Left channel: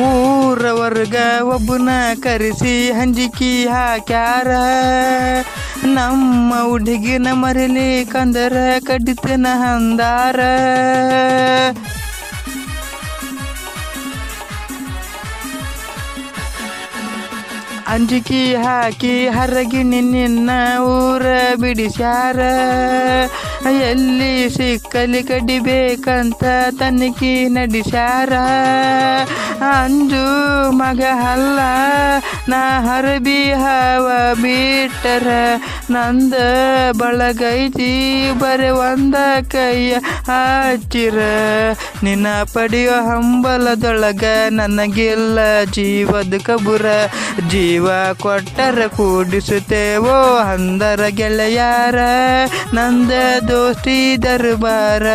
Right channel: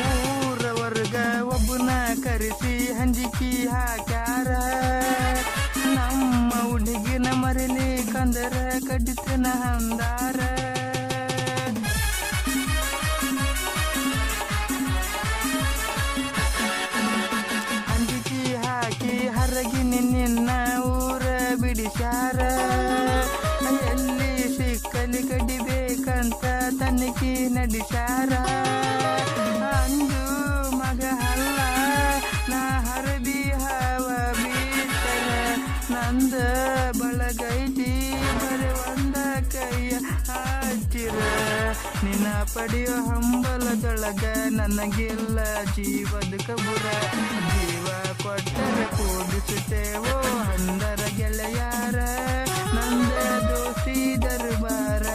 ಊರವರ್ಗ ಒಬ್ಬನ ಕರೆಸಿ ಹಂಜಿಕಿ ಹಾಕ್ಯಾರ. ನಮ್ಮ ಹುಡುಗಿನ ಮರಿಲಿ ಕಂದರ ಕಡಿತನ ಹಂದಾರ. ಅಂಜಿಕಿ ಹಾಕಿ ಹರಗಿನಿ ನಿನ್ನ ಊರ ಬಿಡಿಸ್ಯಾರ. ಎಲ್ಲಿ ಸಿಕ್ಕಲಿ ಕಡಿಬೇಕಂತ ತನಿಖಿ ನಡೆಸ್ಯಾರ. ಅಂಜು ಮಗ ಅಲ್ಲ ನಾ ಹರಬಿ ಹವ ಬಿಟ್ಟರ ನಂದ ಬಳಗೈತಿ ಬರೆ ಒಂದ ಕೈಯ ಹಚ್ಚಿರ. ನಿನ್ನ ಪಡೆಯೋ ಹಂಬಲದೊಳಗ ನನಗಿಲ್ಲ ಜೀವದ ಕಬುರ. ಜೀವ ಕೊಟ್ಟರ ಕೂಡಿಸುತ್ತೇವೋ ಅಂದರ ಗೆಳೆಯಾರ. ನಂದ ದೋಸ್ತಿ ದರ್ಬಾರ